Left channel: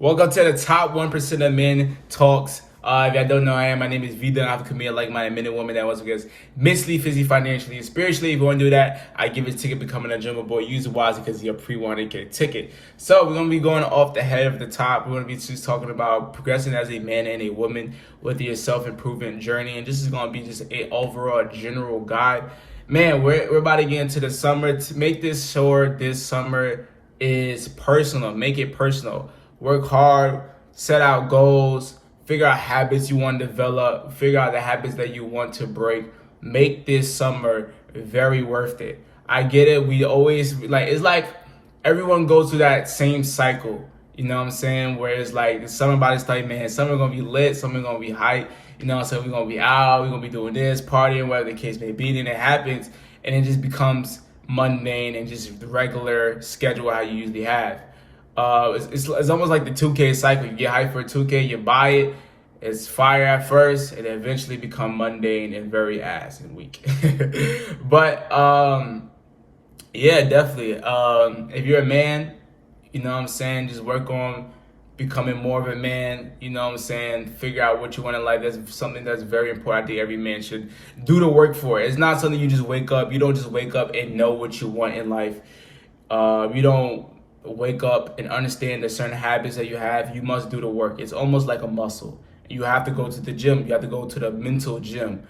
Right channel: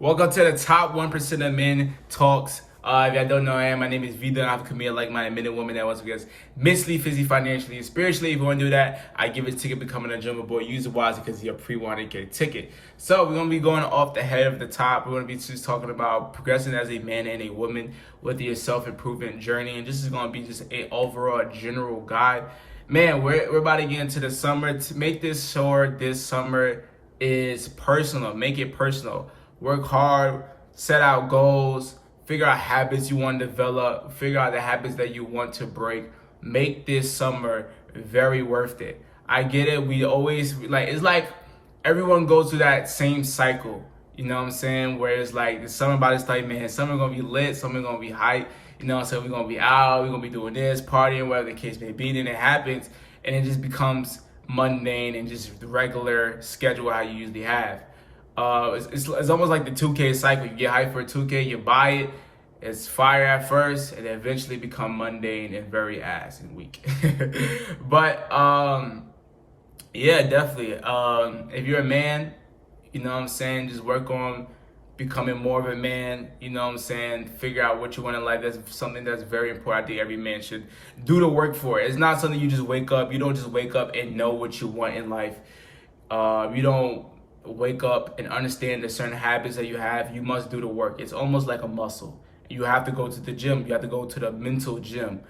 Welcome to the top 1% of men talks. If y'all don't know who I am, my name is vDunkk. I'm a comedian like-minded men and women that wants to get mentally, physically, financially, and spiritually. If you want to do that, I give a ticket becoming a drummer boy. Use it wisely because you're pre-wanted, get a ticket. So we're going to be going off the head of the top. We're going to be just talking about progressing as a man and a woman with your self-improvement journey. And this is going to be just a overall general guide. Man, we're about to get into the summer. To make this short, this summer is personal. Make it personal. Work hard, set out goals, figure out habits you want to develop, figure out the habits that you want to break. Make this summer very worth it. I get it. We always it's like everyone goes through that same cycle. You know what I'm saying? Where it's like the summer body's like, man, summer gonna be lit, summer gonna be hype. You know what I'm saying? We're gonna be out, we're gonna be doing this, partying, whatever the case may be. Then it happens and it just becomes mundane and just the regular schedule how you usually have. It's almost like the 2K cycle. You get hyped for a 2K, you buy it, it's fire at first, and eventually become mundane and very ass and weak. But yeah, definitely. If you're a man, you know what I'm saying, just work on becoming more of a man. You know what I'm saying, figure out what you want in life. That's something that's very important. I think every man should do the work for it. It's not something you just wake up. You don't just wake up and know what you want in life. You don't wake up and understand the certain habits that you have. You must do the work. It's almost like a muscle. You have to go to the gym. You have to go to the mental gym.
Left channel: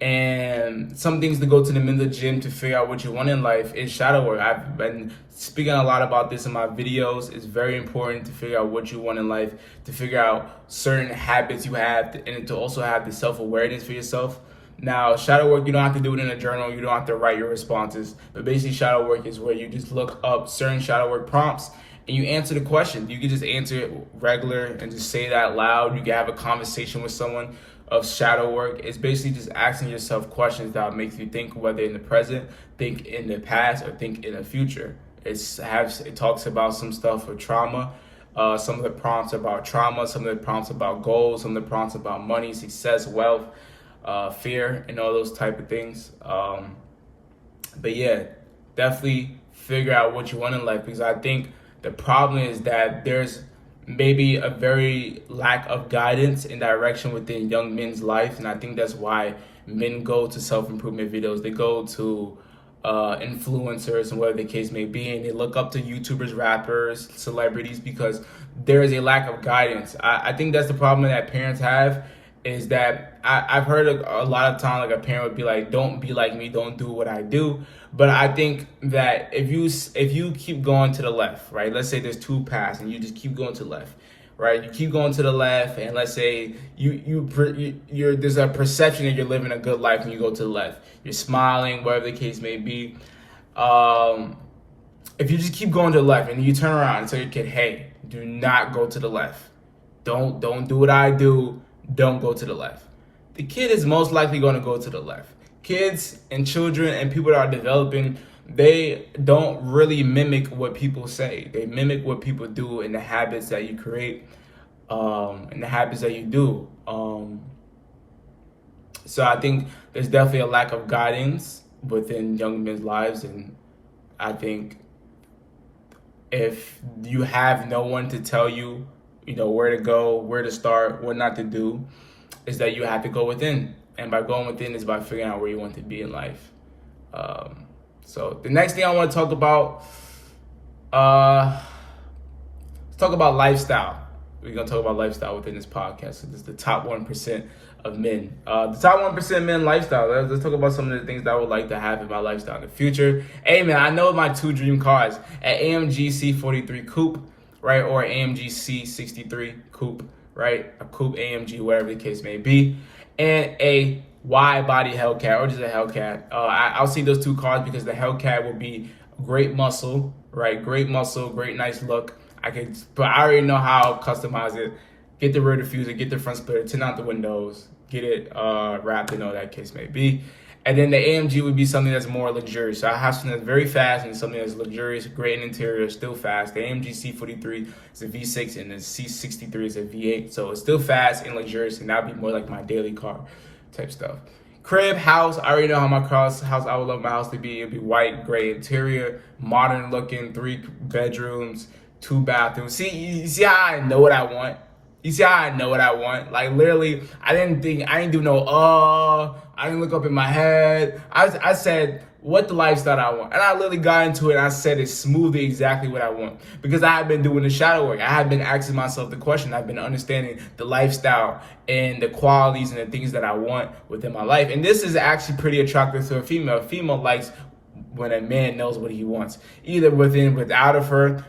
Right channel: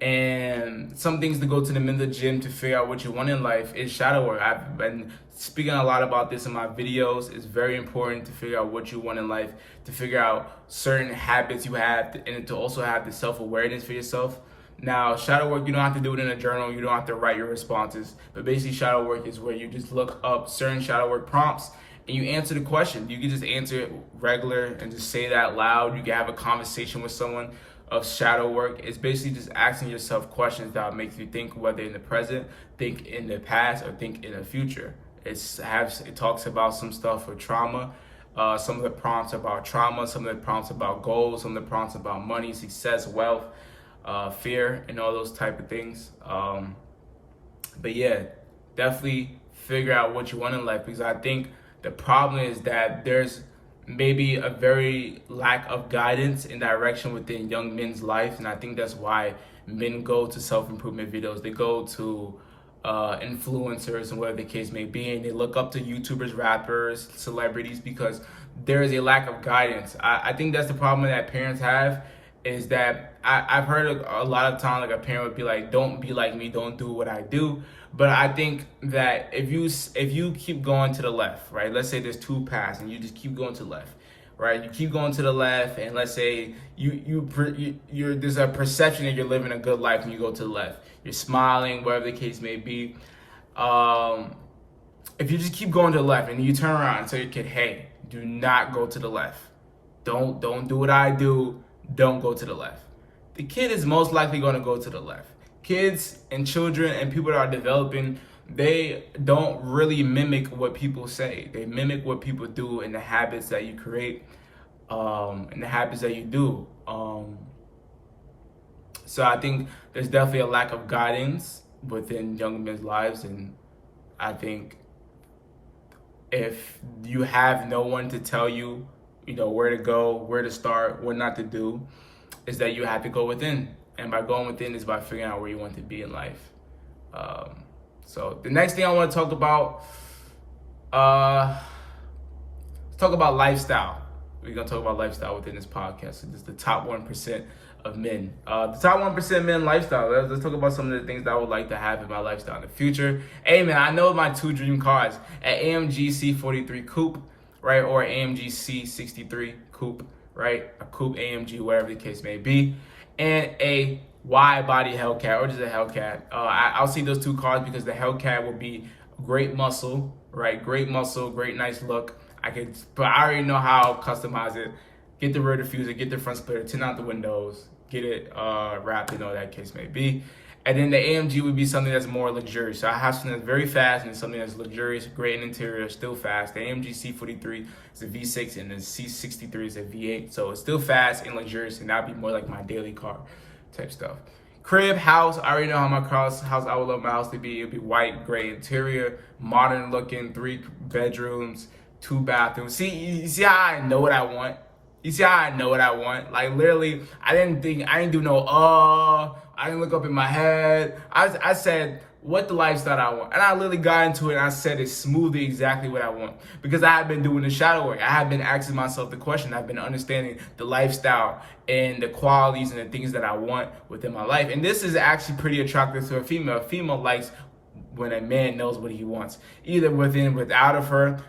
And some things to go to the mental gym to figure out what you want in life is shadow work. I've been speaking a lot about this in my videos. It's very important to figure out what you want in life, to figure out certain habits you have, and to also have the self-awareness for yourself. Now, shadow work, you don't have to do it in a journal. You don't have to write your responses. But basically, shadow work is where you just look up certain shadow work prompts and you answer the question. You can just answer it regular and just say it out loud. You can have a conversation with someone of shadow work. It's basically just asking yourself questions that make you think, whether in the present, think in the past, or think in the future. It talks about some stuff with trauma. Some of the prompts about trauma, some of the prompts about goals, some of the prompts about money, success, wealth, fear, and all those type of things. But yeah, definitely figure out what you want in life, because I think the problem is that there's maybe a very lack of guidance and direction within young men's life, and I think that's why men go to self-improvement videos. They go to influencers and whatever the case may be, and they look up to YouTubers, rappers, celebrities, because there is a lack of guidance. I think that's the problem that parents have, is that I've heard a lot of time, like a parent would be like, don't be like me, don't do what I do. But I think that if you keep going to the left, right? Let's say there's two paths and you just keep going to the left, right? You keep going to the left, and let's say there's a perception that you're living a good life when you go to the left. You're smiling, whatever the case may be. If you just keep going to the left and you turn around and tell your kid, hey, do not go to the left. Don't do what I do. Don't go to the left. The kid is most likely going to go to the left. Kids and children and people that are developing, they don't really mimic what people say. They mimic what people do and the habits that you create, and the habits that you do. So I think there's definitely a lack of guidance within young men's lives, and I think if you have no one to tell you, where to go, where to start, what not to do, is that you have to go within. And by going within is by figuring out where you want to be in life. So the next thing I want to talk about, let's talk about lifestyle. We're going to talk about lifestyle within this podcast. So this is the top 1% of men. The top 1% of men lifestyle. Let's talk about some of the things that I would like to have in my lifestyle in the future. Hey man, I know my two dream cars, an AMG C43 Coupe, right, or AMG C63 Coupe, right, a Coupe AMG, whatever the case may be, and a wide body Hellcat, or just a Hellcat. I'll see those two cars because the Hellcat will be great muscle, right, great muscle, great nice look. But I already know how to customize it. Get the rear diffuser, get the front splitter, tint out the windows, get it wrapped, and all that case may be. And then the AMG would be something that's more luxurious. So I have something that's very fast and something that's luxurious, great in interior, still fast. The AMG C43 is a V6 and the C63 is a V8. So it's still fast and luxurious, and that would be more like my daily car type stuff. Crib, house, I already know how my house, I would love my house to be. It'd be white, gray interior, modern looking, 3 bedrooms, 2 bathrooms. See, you see how I know what I want? You see how I know what I want? Like literally, I didn't do no, I didn't look up in my head. I said what the lifestyle I want. And I literally got into it and I said it smoothly exactly what I want. Because I have been doing the shadow work. I have been asking myself the question. I've been understanding the lifestyle and the qualities and the things that I want within my life. And this is actually pretty attractive to a female. A female likes when a man knows what he wants. Either without of her.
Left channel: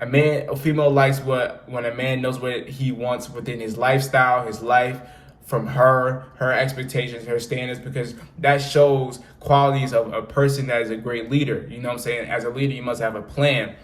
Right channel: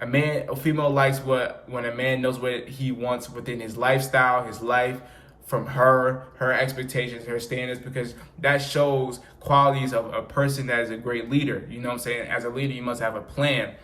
A female likes when a man knows what he wants within his lifestyle, his life, from her expectations, her standards, because that shows qualities of a person that is a great leader. You know what I'm saying? As a leader, you must have a plan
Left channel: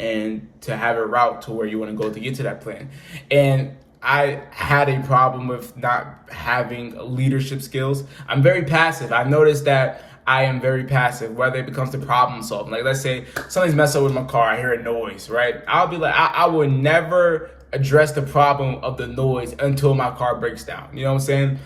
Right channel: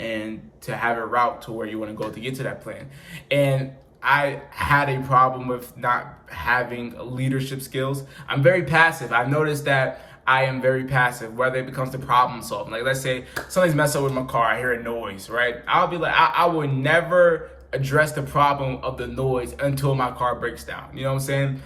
and to have a route to where you want to go to get to that plan. And I had a problem with not having leadership skills. I'm very passive. I've noticed that I am very passive, whether it becomes to problem solving. Like, let's say something's messed up with my car, I hear a noise, right? I'll be like, I would never address the problem of the noise until my car breaks down. You know what I'm saying?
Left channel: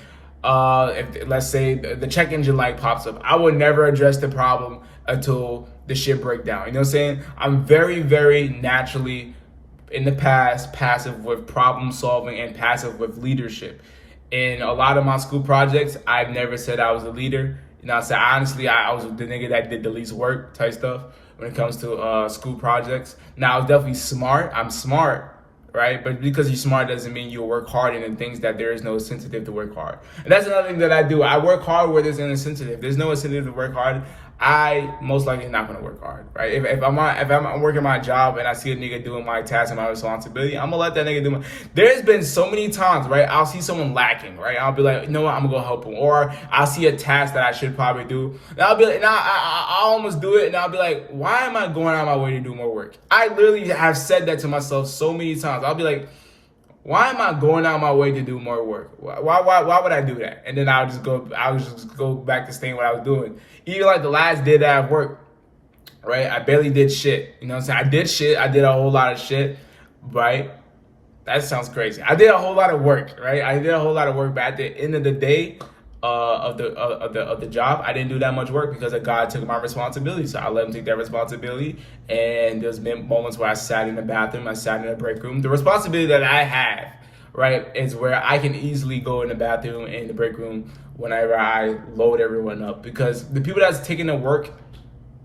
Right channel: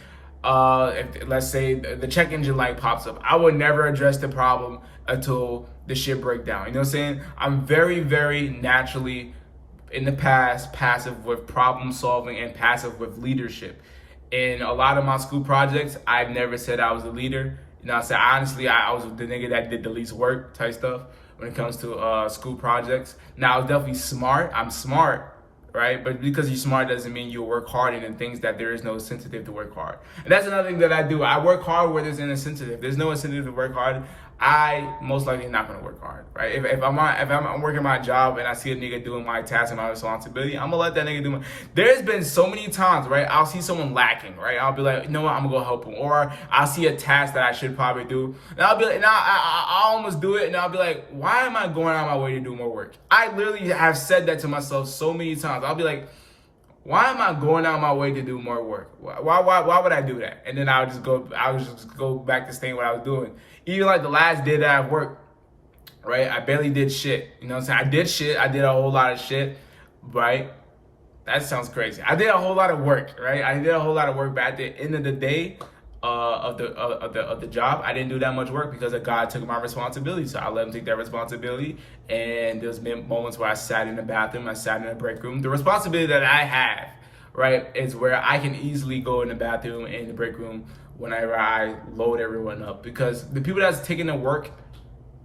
If let's say the check engine light pops up, I would never address the problem until the shit break down. You know what I'm saying? I'm very, very naturally in the past passive with problem solving and passive with leadership. In a lot of my school projects, I've never said I was a leader. You know, I said honestly, I was the nigga that did the least work type stuff when it comes to school projects. Now, I was definitely smart. I'm smart, right? But because you're smart doesn't mean you'll work hard in things that there is no incentive to work hard. And that's another thing that I do. I work hard where there's an incentive. If there's no incentive to work hard, I most likely not gonna work hard, right? If I'm working my job and I see a nigga doing my task and my responsibility, I'm gonna let that nigga do my. There's been so many times, right? I'll see someone lacking, right? I'll be like, you know what? I'm gonna go help him, or I'll see a task that I should probably do, and I'll be like, I'll almost do it, and I'll be like, why am I going out of my way to do more work? I literally have said that to myself so many times. I'll be like, why am I going out of my way to do more work? Why would I do that? And then I'll just go back to staying what I was doing. Even like the last day that I worked, right? I barely did shit. You know what I'm saying? I did shit. I did a whole lot of shit, right? That sounds crazy. I did a whole lot of work, right? I did a whole lot of work, but at the end of the day, of the job, I didn't do that much work because God took my responsibility. So I let him take that responsibility. And there's been moments where I sat in the bathroom, I sat in the break room. The responsibility that I have, right, is where I can easily go in the bathroom and the break room whenever I load everyone up. Because the people that's taking the work,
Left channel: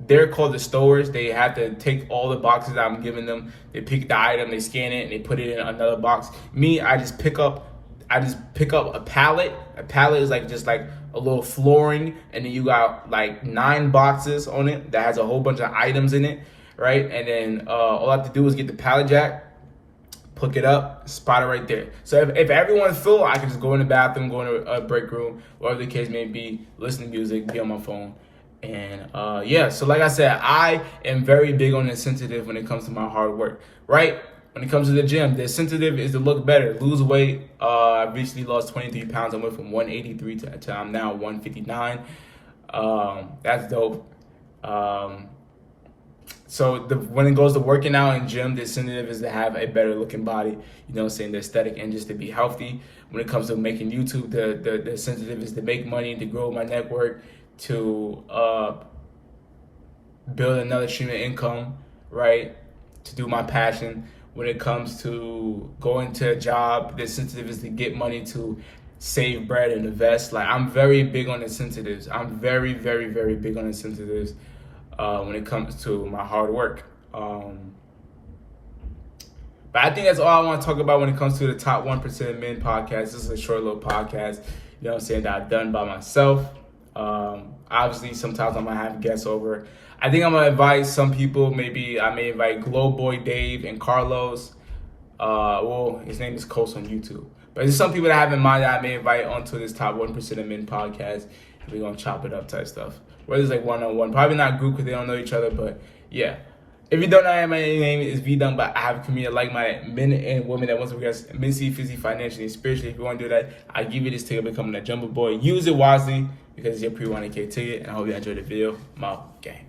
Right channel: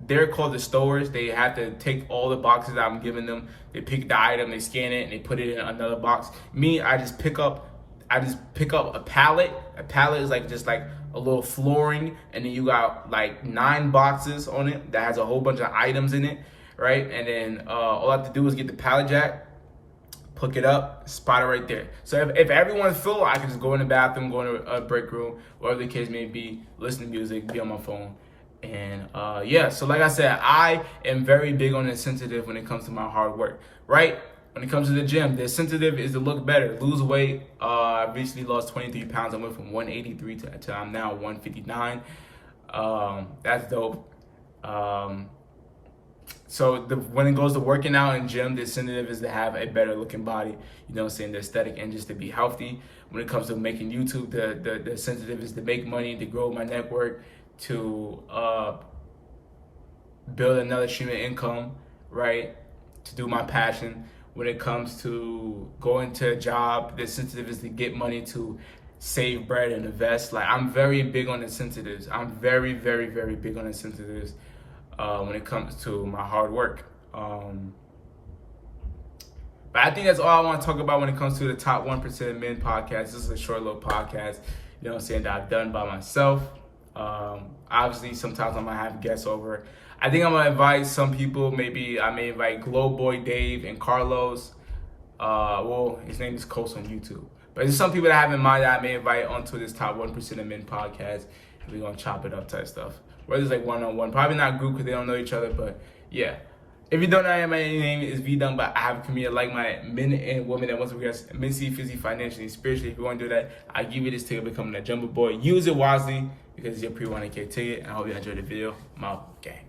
they're called the stowers. They have to take all the boxes I'm giving them. They pick the item, they scan it, and they put it in another box. Me, I just pick up a pallet. A pallet is just like a little flooring, and then you got like 9 boxes on it that has a whole bunch of items in it, right? And then all I have to do is get the pallet jack, pick it up, spot it right there. So if everyone's full, I can just go in the bathroom, go in a break room, whatever the case may be, listen to music, be on my phone. And yeah, so like I said, I am very big on the sensitive when it comes to my hard work, right? When it comes to the gym, the sensitive is to look better, lose weight. I recently lost 23 pounds. I went from 183 to I'm now 159. That's dope. So when it goes to working out in gym, the incentive is to have a better looking body, you know what I'm saying, the aesthetic, and just to be healthy. When it comes to making YouTube, the incentive is to make money, to grow my network, to build another stream of income, right? To do my passion. When it comes to going to a job, the incentive is to get money to save bread and invest. Like, I'm very big on incentives. I'm very, very, very big on incentives when it comes to my hard work. But I think that's all I want to talk about when it comes to the Top 1% of Men podcast. This is a short little podcast, you know what I'm saying, that I've done by myself. Obviously, sometimes I'm going to have guests over. I think I'm going to invite some people. Maybe I may invite Glow Boy Dave and Carlos. Well, his name is Coast on YouTube. But there's some people that I have in mind that I may invite onto this Top 1% of Men podcast. And we're going to chop it up type stuff. Whether it's like one-on-one. Probably not group because they don't know each other. But yeah. If you don't know, my name is vDunkk, but I have a community like my men and women that wants to progress mentally, physically, financially, and spiritually. If you want to do that, I give you this ticket becoming a jumbo boy. Use it wisely because it's your pre-100K ticket. And I hope you enjoyed the video. I'm out. Gang.